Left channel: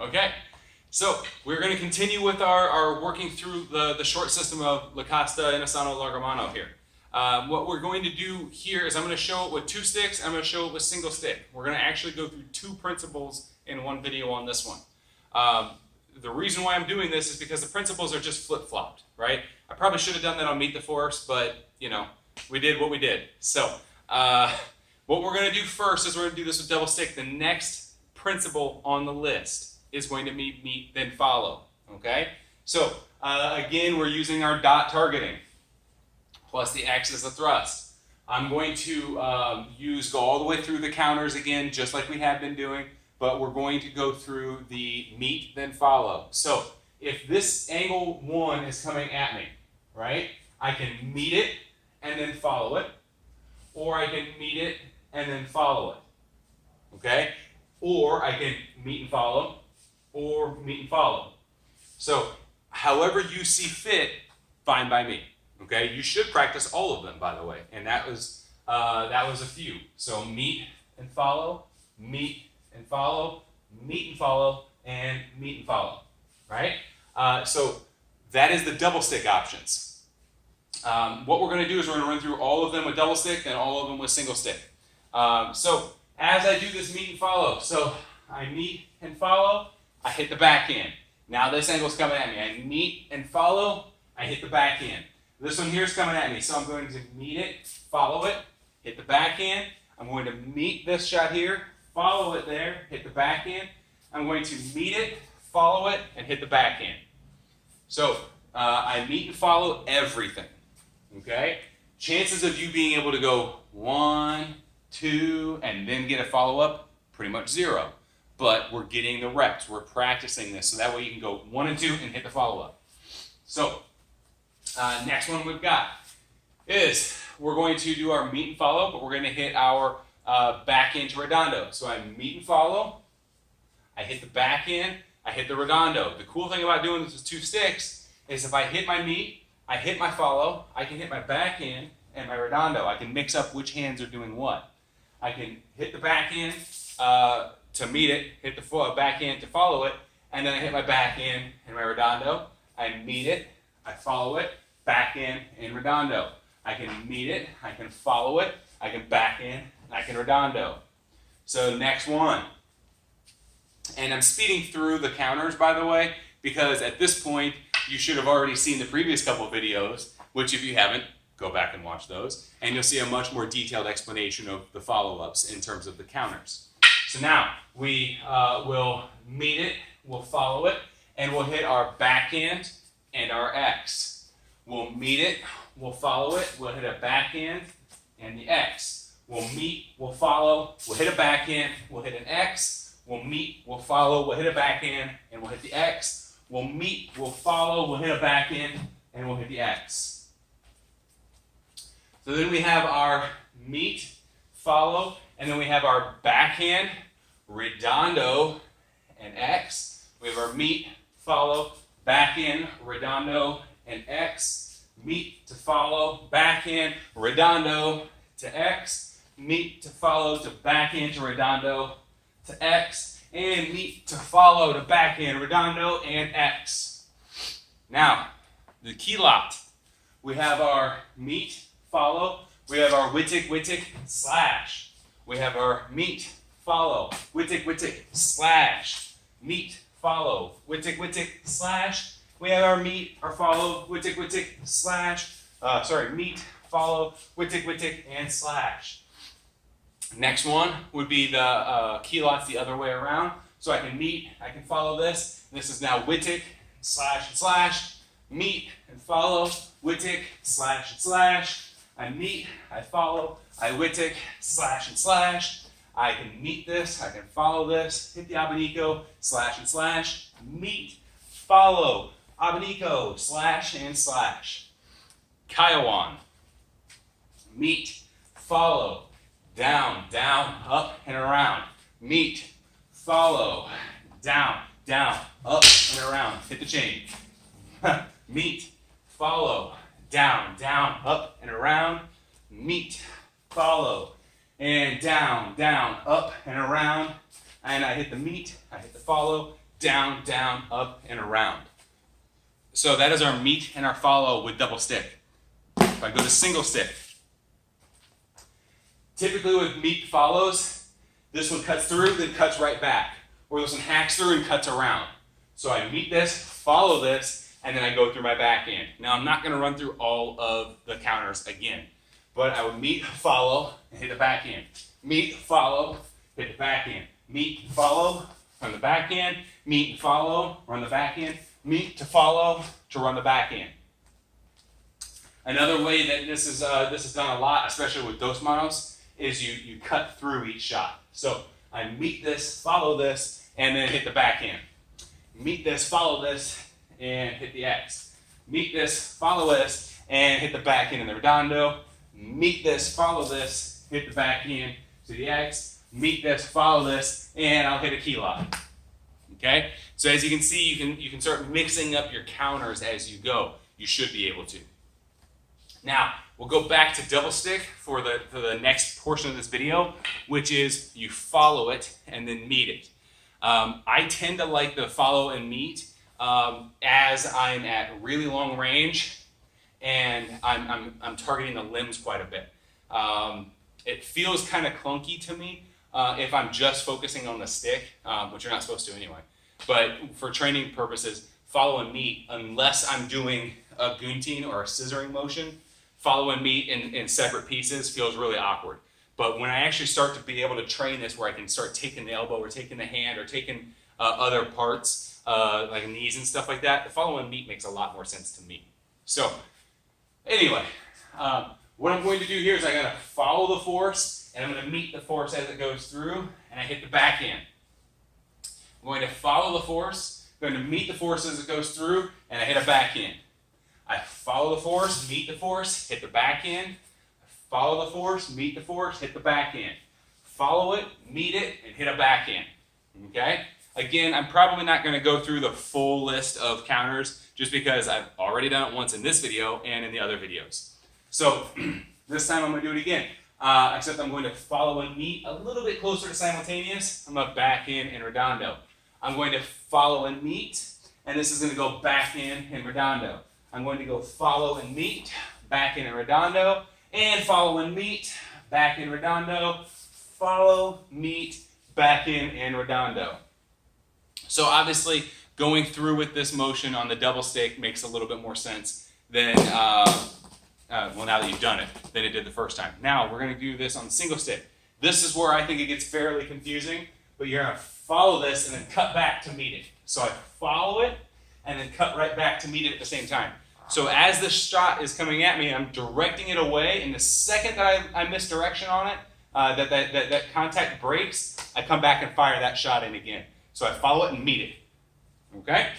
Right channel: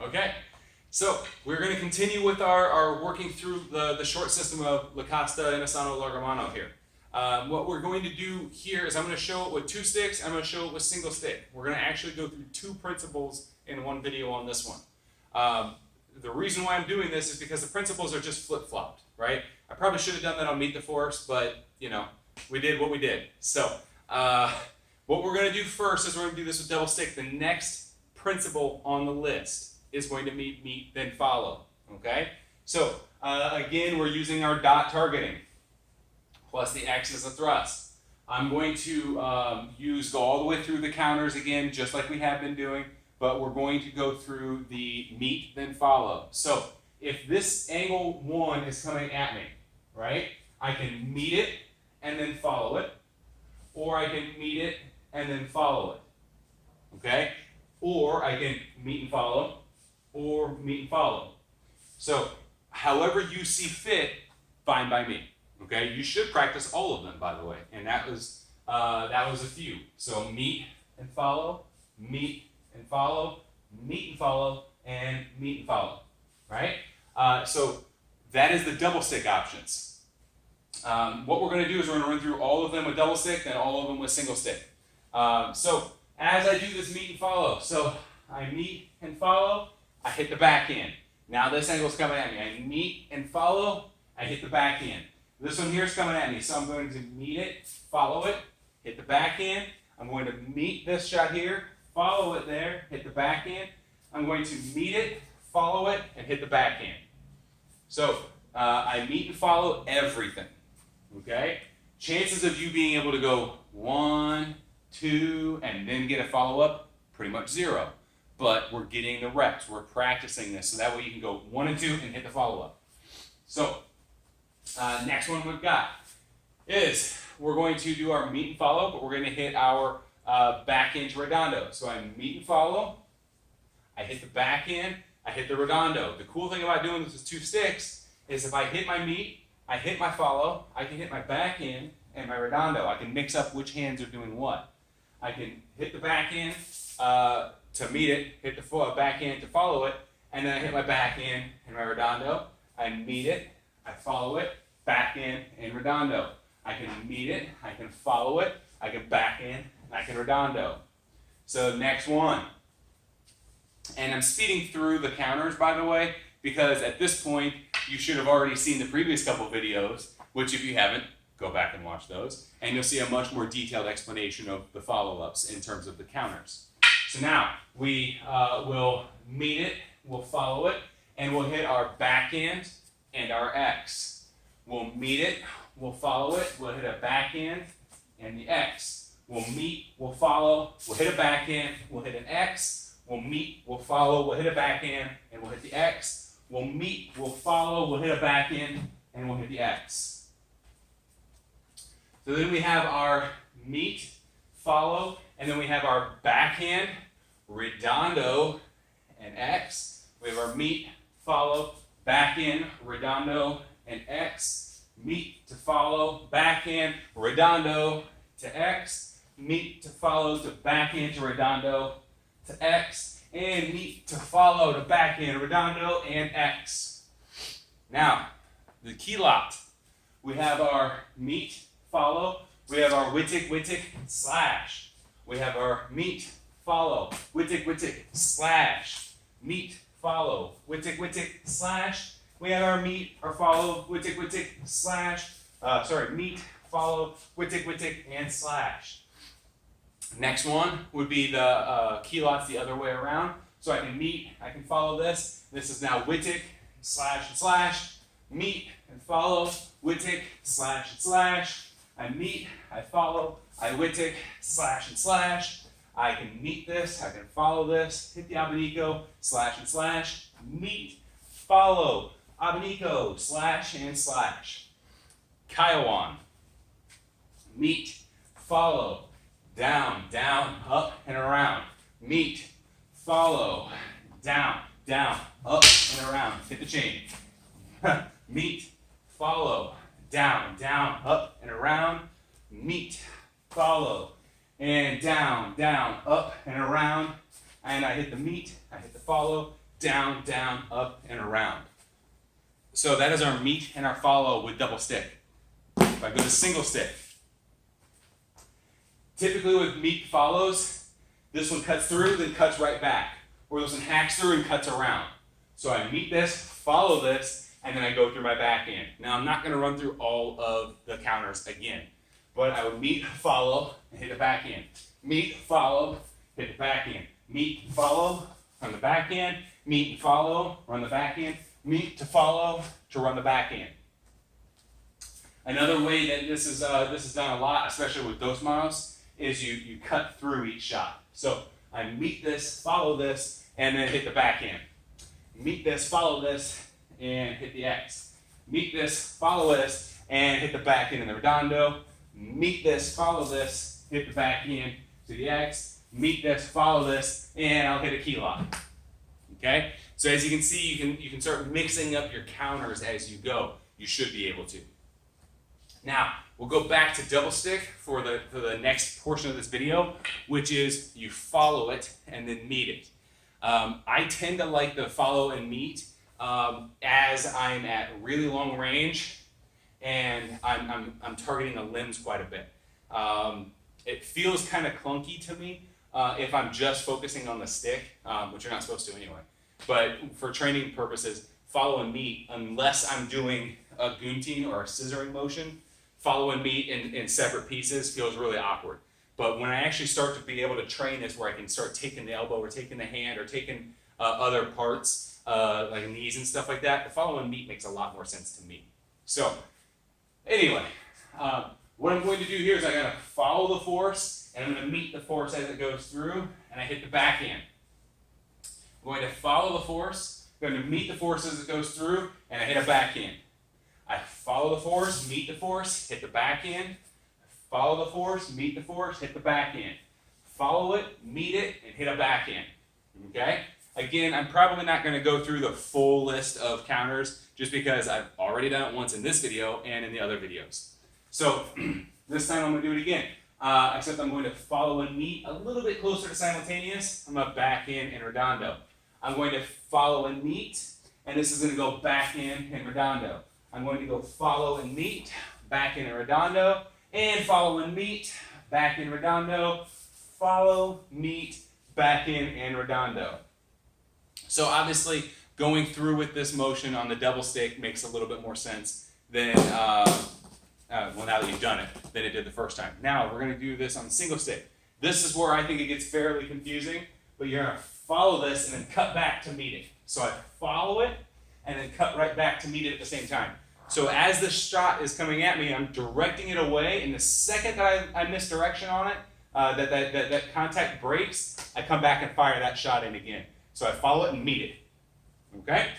Okay, so we're going to continue with our working through the short system of La Costa, Inasano, Largamano here. What we're going to do here is I'm going to show it with two sticks, I'm going to show it with single stick. We're going to actually go through two principles in one video on this one. The reason why I'm doing this is because the principles are just flip-flopped, right? I probably should have done that on Meet the Force, but, you know, we did what we did. So, what we're going to do first is we're going to do this with double stick. The next principle on the list is going to be meet, then follow, okay? So, again, we're using our dot targeting, plus the X as a thrust. I'm going to go all the way through the counters again, just like we have been doing, but we're going to go through the meet, then follow. So, if this angle 1 is coming at me, right, I can meet it and then follow it, or I can meet it and then follow it, okay? Or I can meet and follow, or meet and follow. So, however you see fit, fine by me. Okay, you should practice all of them, by the way, and that was a few. So meet and follow, meet and follow, meet and follow, and meet and follow. Right? So that is the double stick options. What we're going to do is we're going to run through all of them with double stick, and all of them with single stick. So as I do this meet and follow, so I meet and follow, I hit the backhand. Now this angle's coming at me. I meet and follow, I hit the backhand. This one here is coming at me, so I'm going to meet it, follow it, hit the backhand. I'm going to meet this shot here, follow it there, hit the backhand. I'm going to meet it, follow it, and hit the backhand. So I meet and follow everything, okay? Chances of you being able to go 1, 2, and then get a follow-up, pretty much 0. But we're getting the reps, we're practicing this, so that way you can go 1 and 2 and hit the follow-up. So, next one we've got is we're going to do our meet and follow, but we're going to hit our backhand to redondo. So I meet and follow, I hit the backhand, I hit the redondo. The cool thing about doing this with two sticks is if I hit my meet, I hit my follow, I can hit my backhand and my redondo. I can mix up which hands are doing what. I can hit the backhand to meet it, hit the backhand to follow it, and then I hit my backhand and my redondo. I meet it, I follow it, backhand and redondo. I can meet it, I can follow it, I can backhand, and I can redondo. So next one. And I'm speeding through the counters, by the way, because at this point, you should have already seen the previous couple videos, which if you haven't, go back and watch those, and you'll see a much more detailed explanation of the follow-ups in terms of the counters. So now, we will meet it, we'll follow it, and we'll hit our backhand and our X. We'll meet it, we'll follow it, we'll hit a backhand and the X. We'll meet, we'll follow, we'll hit a backhand, we'll hit an X. We'll meet, we'll follow, we'll hit a backhand, and we'll hit the X. We'll meet, we'll follow, we'll hit a backhand, and we'll hit the X. So then we have our meet, follow, and then we have our backhand, redondo, and X. We have our meet, follow, backhand, redondo, and X. Meet to follow, backhand, redondo to X. Meet to follow to backhand to redondo to X. And meet to follow to backhand, redondo, and X. Now, the key lot. We have our meet, follow. We have our wittick, slash. We have our meet, follow, wittick, slash. Meet, follow, wittick, slash. We have our meet, our follow, wittick, slash. Meet, follow, wittick, and slash. Next one would be the key lots the other way around. So I can meet, I can follow this. This is now wittick, slash, and slash. Meet and follow, wittick, slash, and slash. I meet, I follow, I wittick, slash, and slash. I can meet this, I can follow this, hit the abanico, slash, and slash. Meet, follow, abanico, slash, and slash. Kaiwan. Meet, follow, down, up, and around. Meet, follow, down, up, and around. Hit the chain. Meet, follow, down, up, and around. Meet, follow, and down, up, and around. And I hit the meet, I hit the follow, down, down, up, and around. So that is our meet and our follow with double stick. If I go to single stick, typically with meet follows, this one cuts through, then cuts right back. Or this one hacks through and cuts around. So I meet this, follow this, and then I go through my backhand. Now I'm not going to run through all of the counters again, but I would meet, follow, and hit the backhand. Meet, follow, hit the backhand. Meet, follow, run the backhand. Meet and follow, run the backhand. Meet to follow to run the backhand. Another way that this is done a lot, especially with dos manos, is you cut through each shot. So I meet this, follow this, and then hit the backhand. Meet this, follow this, and hit the X. Meet this, follow this, and hit the backhand in the redondo. Meet this, follow this, hit the backhand to the X. Meet this, follow this, and I'll hit a key lock. Okay? So as you can see, you can start mixing up your counters as you go. You should be able to. Now, we'll go back to double stick for the next portion of this video, which is you follow it and then meet it. I tend to like the follow and meet as I'm at really long range and I'm targeting the limbs quite a bit. It feels kind of clunky to me if I'm just focusing on the stick, which you're not supposed to anyway. But for training purposes, follow and meet, unless I'm doing a gunting or a scissoring motion, follow and meet in separate pieces feels really awkward. But when I actually start to be able to train this where I can start taking the elbow or taking the hand or taking other parts like knees and stuff like that, the follow and meet makes a lot more sense to me. So anyway, what I'm going to do here is I'm going to follow the force and I'm going to meet the force as it goes through and I hit the backhand. I'm going to follow the force, I'm going to meet the force as it goes through and I hit a backhand. I follow the force, meet the force, hit the backhand. Follow the force, meet the force, hit the backhand. Follow it, meet it, and hit a backhand. Okay? Again, I'm probably not going to go through the full list of counters just because I've already done it once in this video and in the other videos. So this time I'm going to do it again, except I'm going to follow and meet a little bit closer to simultaneous. I'm going to backhand and redondo. I'm going to follow and meet, and this is going to go backhand and redondo. I'm going to go follow and meet, backhand and redondo, and follow and meet, backhand redondo, follow, meet, backhand and redondo. So obviously going through with this motion on the double stick makes a little bit more sense than, well now that you've done it, than it did the first time. Now we're going to do this on the single stick. This is where I think it gets fairly confusing, but you're going to follow this and then cut back to meet it. So I follow it and then cut right back to meet it at the same time. So as the shot is coming at me, I'm directing it away, and the second that I misdirection on it, that contact breaks, I come back and fire that shot in again. So I follow it and meet it. Okay?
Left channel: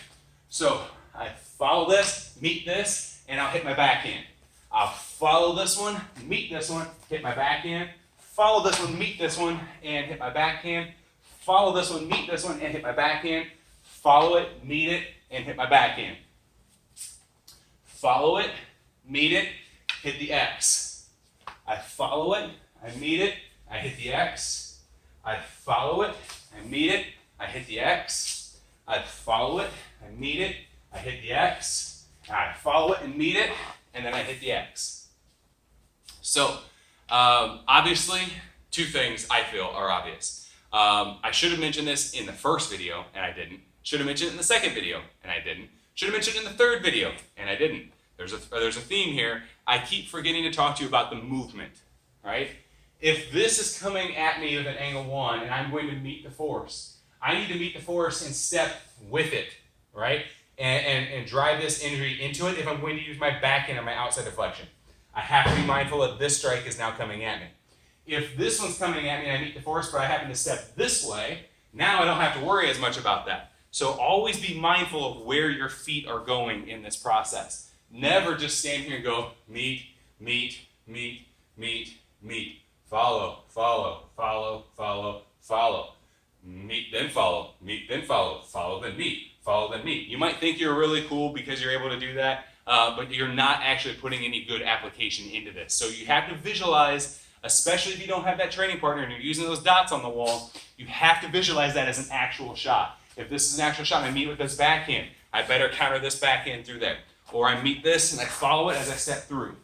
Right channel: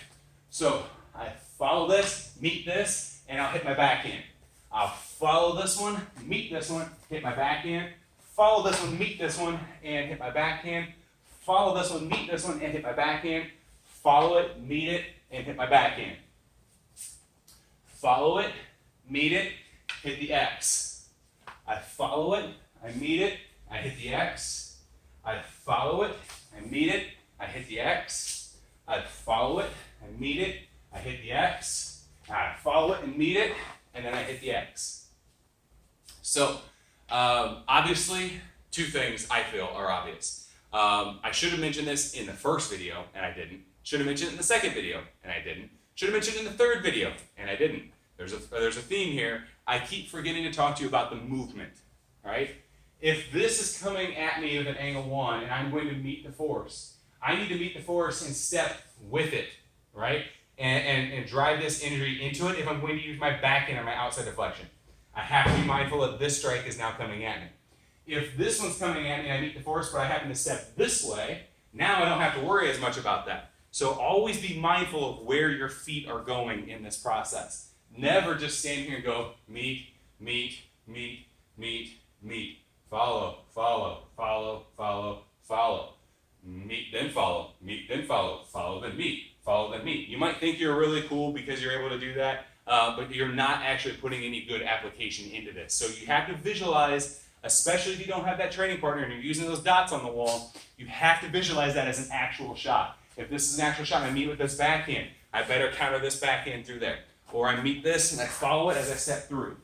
So I follow this, meet this, and I'll hit my backhand. I'll follow this one, meet this one, hit my backhand. Follow this one, meet this one, and hit my backhand. Follow this one, meet this one, and hit my backhand. Follow it, meet it, and hit my backhand. Follow it, meet it, hit the X. I follow it, I meet it, I hit the X. I follow it, I meet it, I hit the X. I follow it, I meet it, I hit the X. I follow it and meet it, and then I hit the X. So, obviously, two things I feel are obvious. I should have mentioned this in the first video, and I didn't. Should have mentioned it in the second video, and I didn't. Should have mentioned it in the third video, and I didn't. There's a theme here. I keep forgetting to talk to you about the movement, right? If this is coming at me with an angle 1 and I'm going to meet the force, I need to meet the force and step with it, right? And drive this energy into it if I'm going to use my backhand or my outside deflection. I have to be mindful that this strike is now coming at me. If this one's coming at me and I meet the force, but I happen to step this way, now I don't have to worry as much about that. So always be mindful of where your feet are going in this process. Never just stand here and go, meet, meet, meet, meet, meet. Follow, follow, follow, follow, follow. Meet, then follow, meet, then follow, follow, then meet, follow, then meet. You might think you're really cool because you're able to do that, but you're not actually putting any good application into this. So you have to visualize, especially if you don't have that training partner and you're using those dots on the wall, you have to visualize that as an actual shot. If this is an actual shot and I meet with this backhand, I better counter this backhand through there. Or I meet this and I follow it as I step through.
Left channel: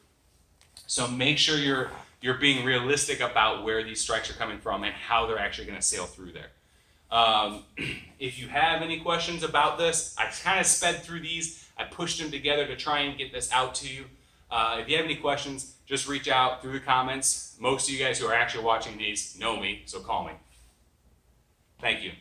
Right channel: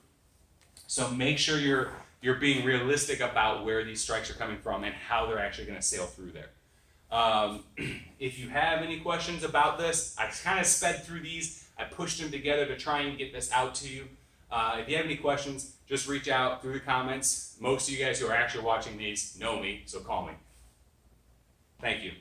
So make sure you're being realistic about where these strikes are coming from and how they're actually going to sail through there. If you have any questions about this, I kind of sped through these. I pushed them together to try and get this out to you. If you have any questions, just reach out through the comments. Most of you guys who are actually watching these know me, so call me. Thank you.